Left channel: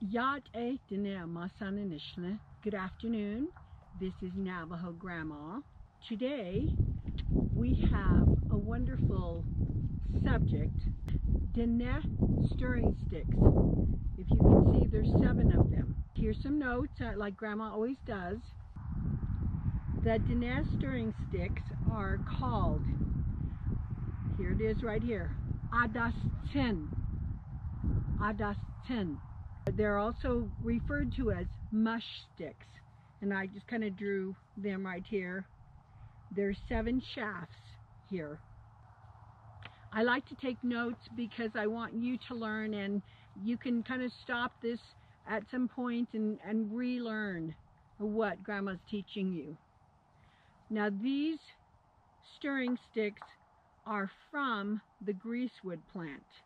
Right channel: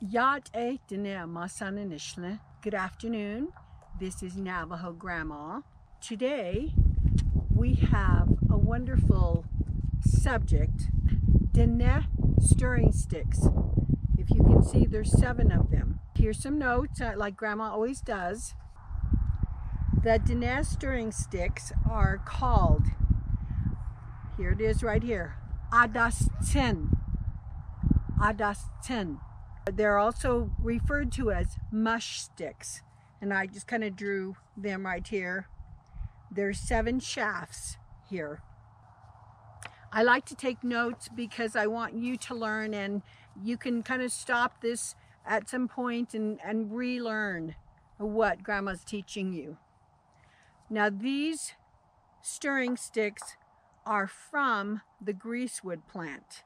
Yat e Diné Masaninishne. Good afternoon. This is Navajo Grandma. Today we have a wonderful subject, Diné stirring sticks. If you can see, there's 7 of them. Here's some notes, like Grandma always does. The Diné stirring sticks are called, here it is right here, Adeestsíín. Adeestsíín. They're also referred to as mush sticks, and I just kind of drew them right here. There's 7 shafts here. I like to take notes because I want you to learn, and you can kind of stop this at some point and relearn what Grandma's teaching you. Now these stirring sticks are from the greasewood plant,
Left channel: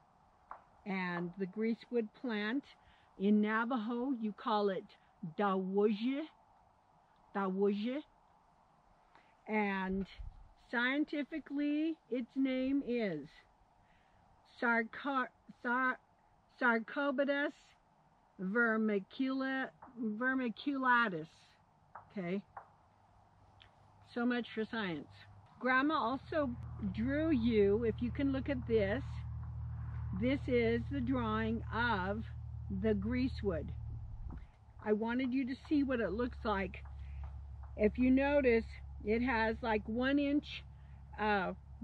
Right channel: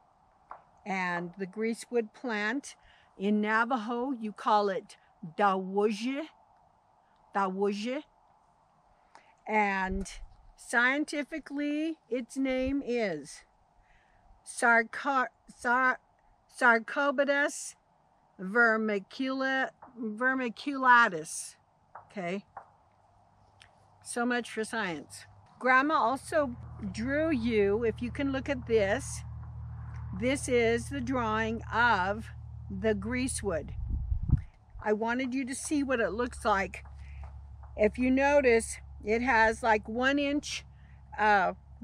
and the greasewood plant in Navajo, you call it dawuje, and scientifically its name is Sarcoides vermiculatus. Okay, so much for science. Grandma also drew you, if you can look at this, this is the drawing of the greasewood. I wanted you to see what it looks like. If you notice, it has like 1-inch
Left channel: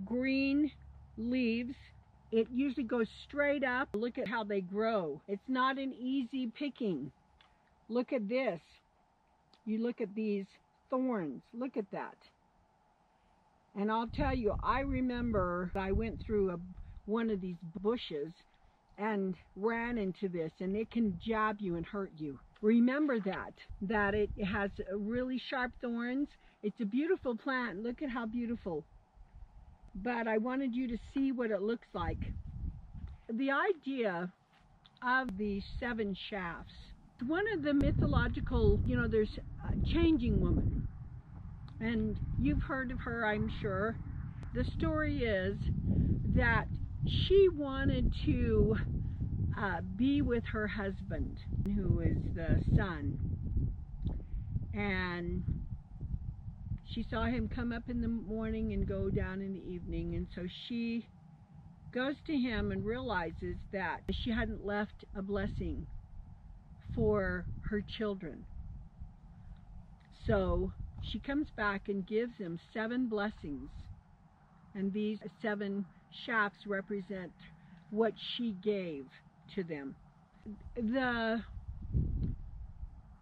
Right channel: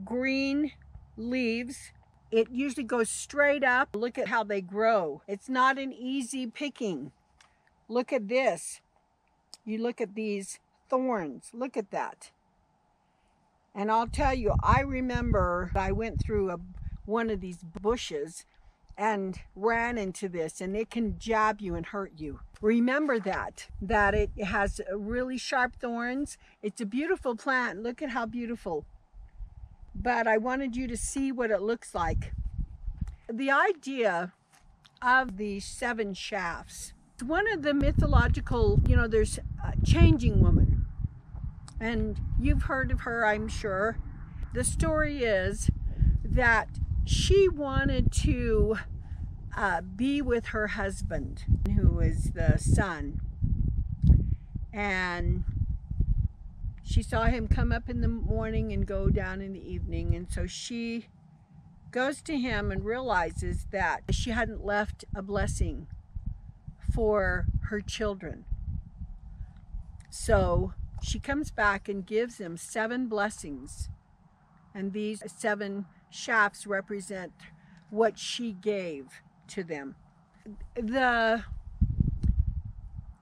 green leaves. It usually goes straight up. Look at how they grow. It's not an easy picking. Look at this. You look at these thorns. Look at that. And I'll tell you, I remember I went through one of these bushes and ran into this, and it can jab you and hurt you. Remember that it has really sharp thorns. It's a beautiful plant. Look at how beautiful. But I wanted you to see what it looks like. The idea of the 7 shafts, one of the mythological, there's a changing woman, and you've heard of her, I'm sure. The story is that she wanted to be with her husband, who is the sun, and she saw him come up in the morning and go down in the evening, and so she goes to him and realizes that she hadn't left a blessing for her children. So she comes back and gives them 7 blessings, and these 7 shafts represent what she gave to them. The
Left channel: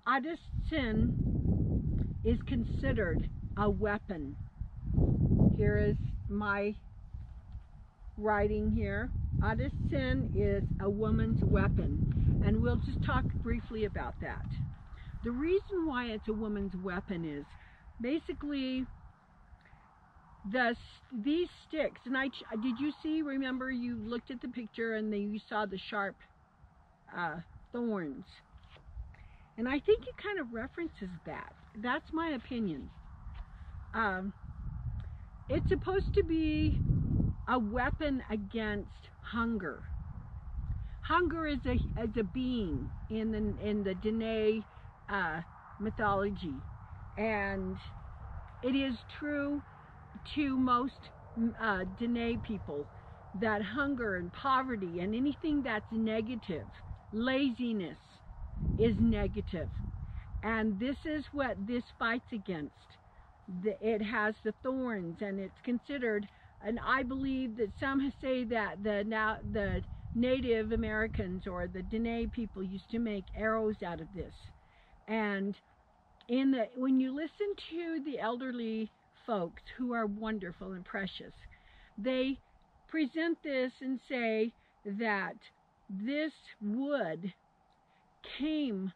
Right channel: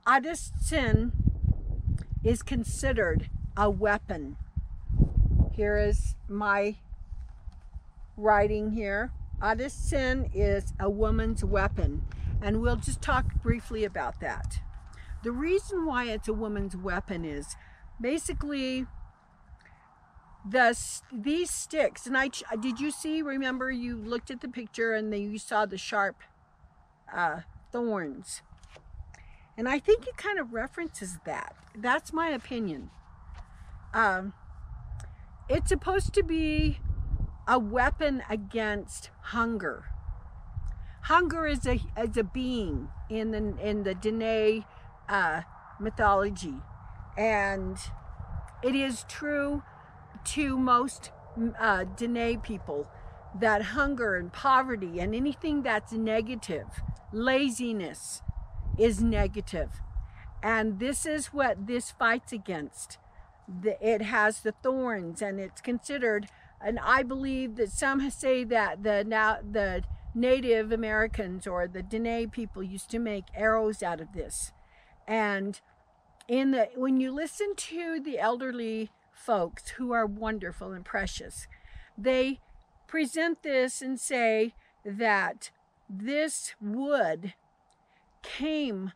Adeestsíín is considered a weapon. Here is my writing here. Adeestsíín is a woman's weapon, and we'll just talk briefly about that. The reason why it's a woman's weapon is basically these sticks, and did you see, remember you looked at the picture and then you saw the sharp thorns, and I think it kind of references that. That's my opinion. It's supposed to be a weapon against hunger. Hunger is a being in the Diné mythology, and it is true to most Diné people that hunger and poverty and anything that's negative, laziness, is negative. And this is what this fights against. It has the thorns, and it's considered, and I believe that some say that the Native Americans or the Diné people used to make arrows out of this. And when you listen to the elderly folks, who are wonderful and precious, they present this and say that this wood came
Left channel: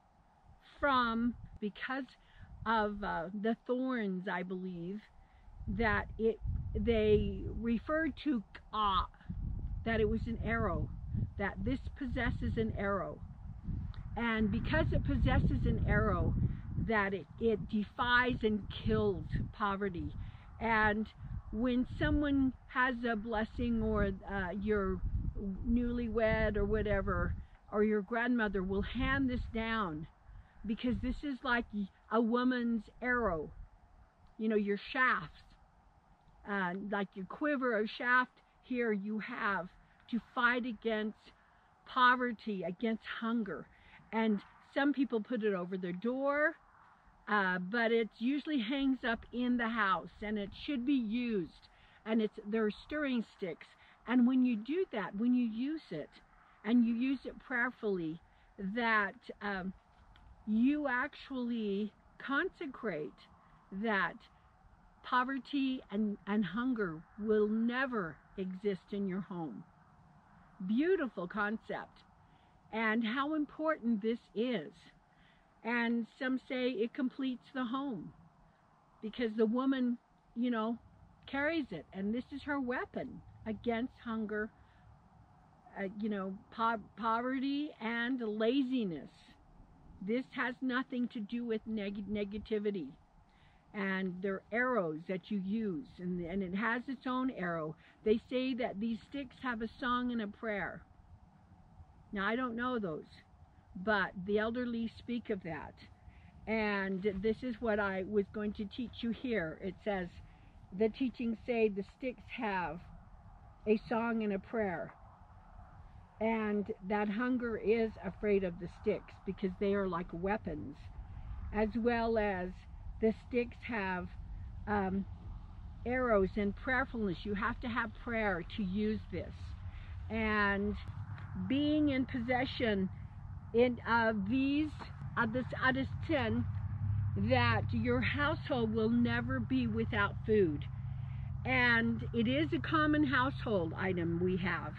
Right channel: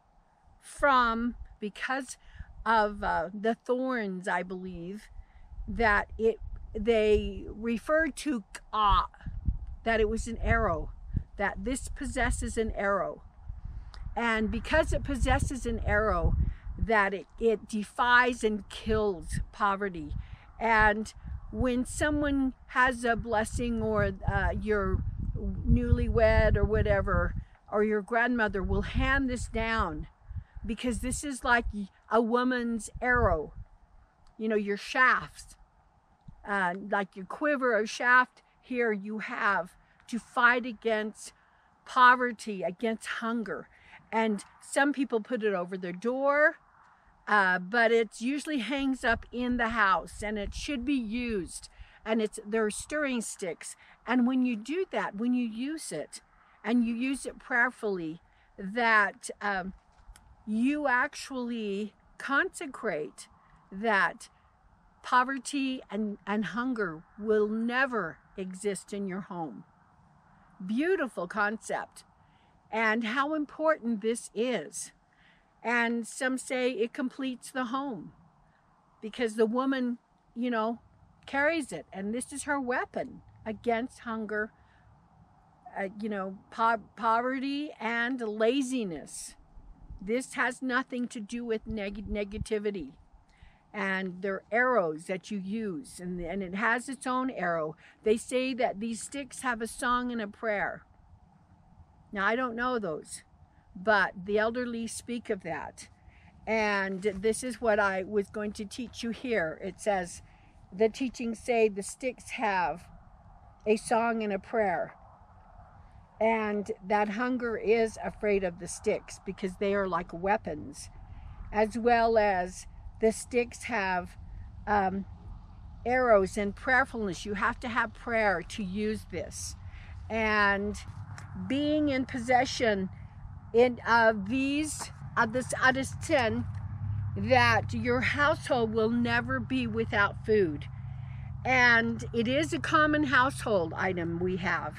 from, because of the thorns, I believe, that they referred to that it was an arrow, that this possesses an arrow, and because it possesses an arrow, that it defies and kills poverty. And when someone has a blessing, or you're newlywed or whatever, or your grandmother will hand this down, because this is like a woman's arrow, you know, your shafts, like your quiver or shaft. Here you have to fight against poverty, against hunger. And some people put it over their door, but it usually hangs up in the house, and it should be used. And they're stirring sticks. And when you do that, when you use it, and you use it prayerfully, that you actually consecrate that poverty and hunger will never exist in your home. Beautiful concept. And how important this is. And some say it completes the home, because the woman, you know, carries it, and this is her weapon against hunger, you know, poverty and laziness. This has nothing to do with negativity. And they're arrows that you use, and it has its own arrow. They say that these sticks have a song and a prayer. Now, I don't know those, but the elderly speak of that. And this is what I was going to teach you here. It says, the teachings say the sticks have a song and a prayer. And that hunger is afraid of the sticks, because they are like weapons, as well as the sticks have arrows and prayerfulness. You have to have prayer to use this. And being in possession of this Adeestsíín, that your household will never be without food. And it is a common household item we have.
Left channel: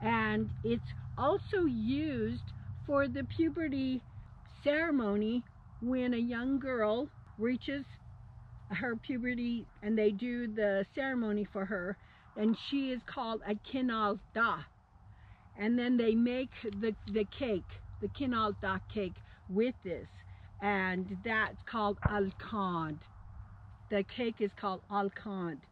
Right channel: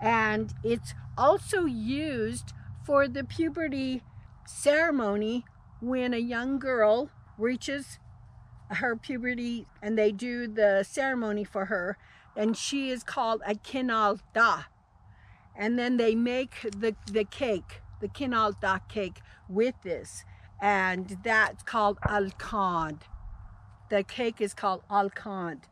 And it's also used for the puberty ceremony, when a young girl reaches her puberty and they do the ceremony for her, and she is called a kinalda. And then they make the cake, the kinalda cake, with this, and that's called alcond. The cake is called alcond.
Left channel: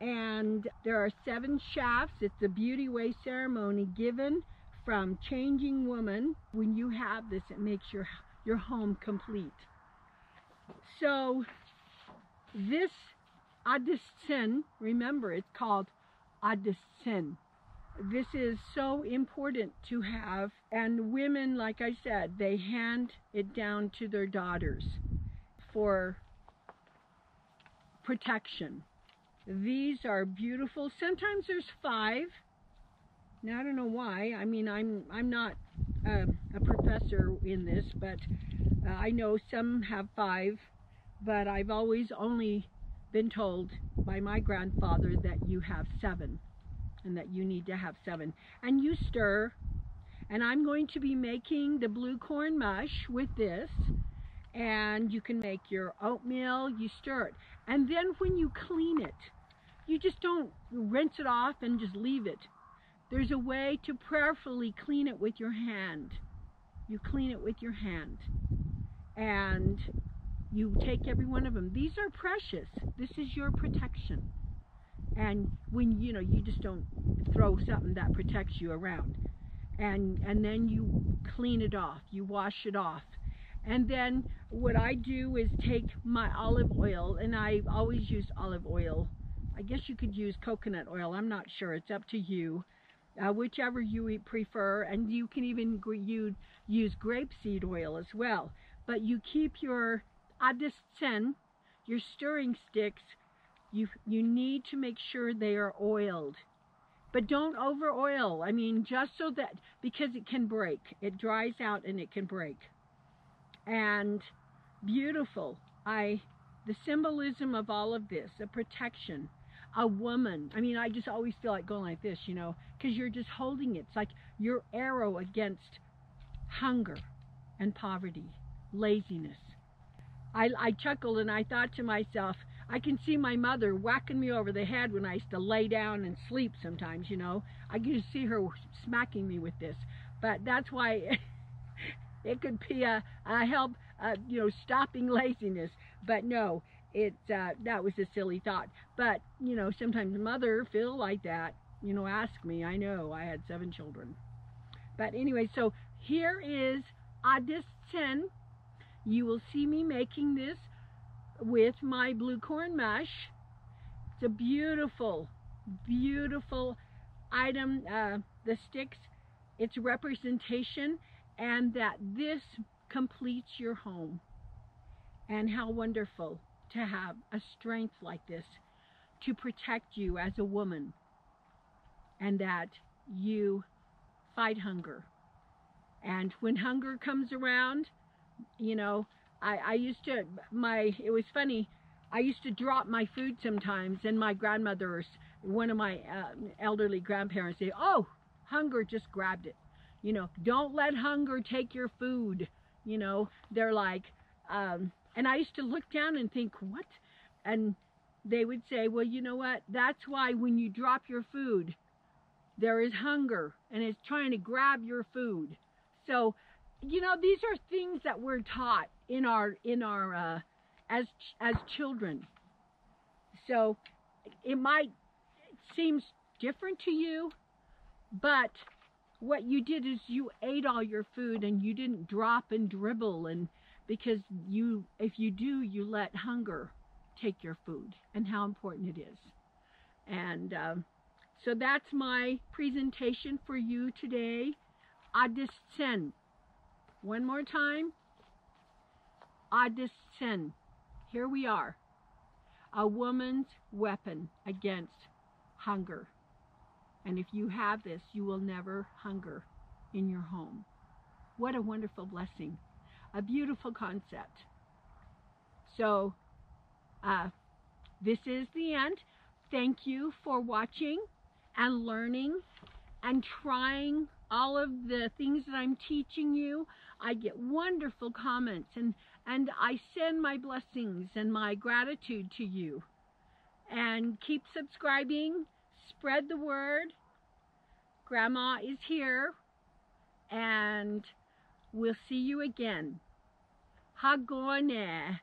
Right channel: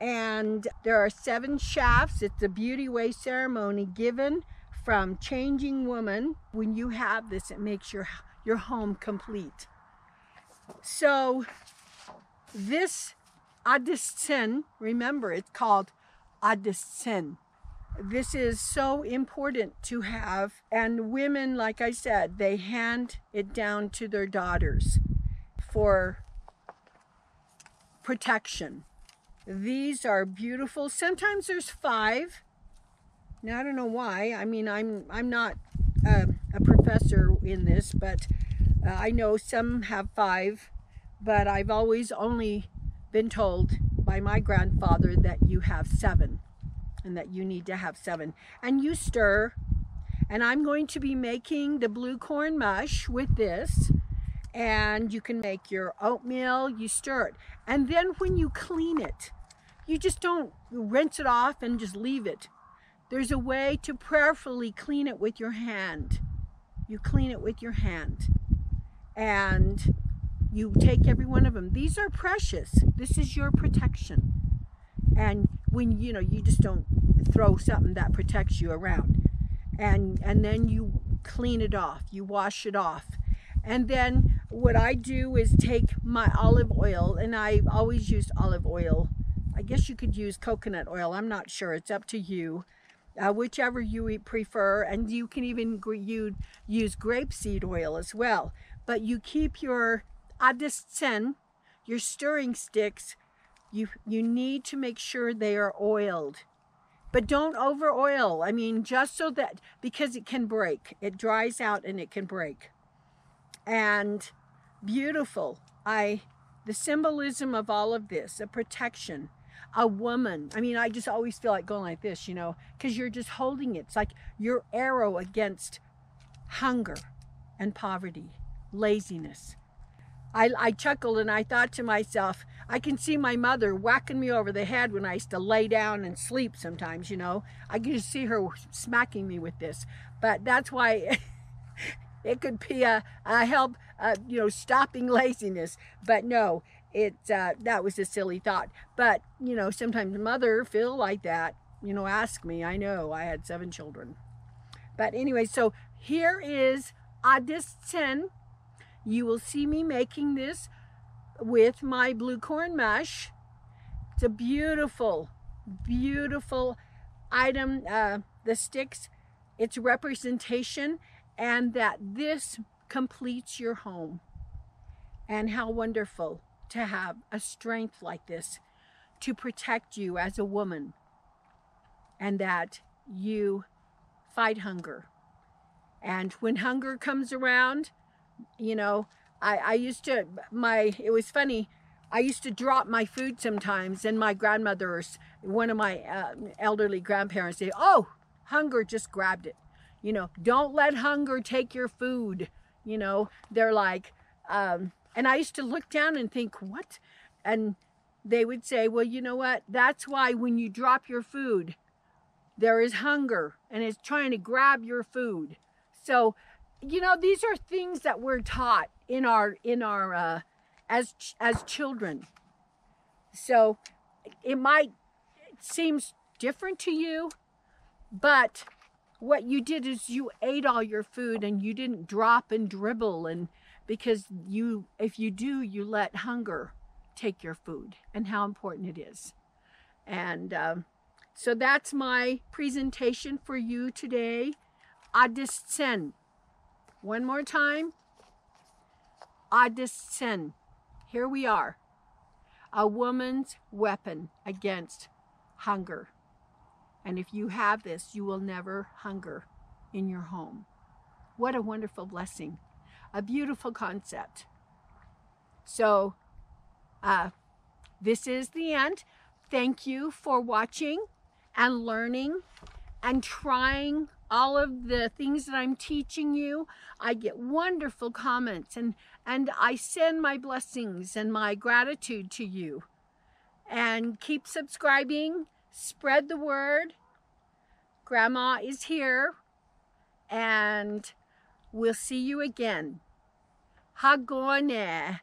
And there are 7 shafts. It's a beauty way ceremony given from changing woman. When you have this, it makes your home complete. So this Adeestsíín, remember, it's called Adeestsíín. This is so important to have. And women, like I said, they hand it down to their daughters for protection. These are beautiful. Sometimes there's 5. Now, I don't know why. I mean, I'm not a professor in this, but I know some have 5, but I've always only been told by my grandfather that you have 7, and that you need to have 7. And you stir, and I'm going to be making the blue corn mush with this, and you can make your oatmeal. You stir it, and then when you clean it, you just don't rinse it off and just leave it. There's a way to prayerfully clean it with your hand. You clean it with your hand, and you take every one of them. These are precious. This is your protection. And when, you know, you just don't throw something that protects you around. And then you clean it off. You wash it off. And then what I do is take my olive oil, and I've always used olive oil. I guess you could use coconut oil. I'm not sure. It's up to you. Whichever you prefer. And you can even use grapeseed oil as well. But you keep your Adeestsíín, your stirring sticks, you need to make sure they are oiled. But don't over oil. I mean, just so that, because it can break. It dries out and it can break. And beautiful. The symbolism of all of this, a protection, a woman. I mean, I just always feel like going like this, you know, because you're just holding it. It's like your arrow against hunger and poverty, laziness. I chuckled and I thought to myself, I can see my mother whacking me over the head when I used to lay down and sleep sometimes, you know. I can just see her smacking me with this. But that's why it could be a help, you know, stopping laziness. But no, that was a silly thought. But, you know, sometimes mother feel like that, you know, ask me. I know I had 7 children. But anyway, so here is Adeestsíín. You will see me making this with my blue corn mush. It's a beautiful, beautiful item. The sticks, it's representation, and that this completes your home. And how wonderful to have a strength like this to protect you as a woman, and that you fight hunger. And when hunger comes around, you know, I used to, it was funny, I used to drop my food sometimes, and my grandmother, or one of my elderly grandparents, say, oh, hunger just grabbed it. You know, don't let hunger take your food. You know, they're like, and I used to look down and think, what? And they would say, well, you know what? That's why when you drop your food, there is hunger, and it's trying to grab your food. So, you know, these are things that we're taught in our as children. So it might seem different to you, but what you did is you ate all your food, and you didn't drop and dribble, and because if you do, you let hunger take your food, and how important it is. And so that's my presentation for you today. Adeestsíín. One more time. Adeestsíín. Here we are. A woman's weapon against hunger. And if you have this, you will never hunger in your home. What a wonderful blessing. A beautiful concept. So, this is the end. Thank you for watching and learning and trying all of the things that I'm teaching you. I get wonderful comments, and I send my blessings and my gratitude to you. And keep subscribing, spread the word. Grandma is here, and we'll see you again. Hagone.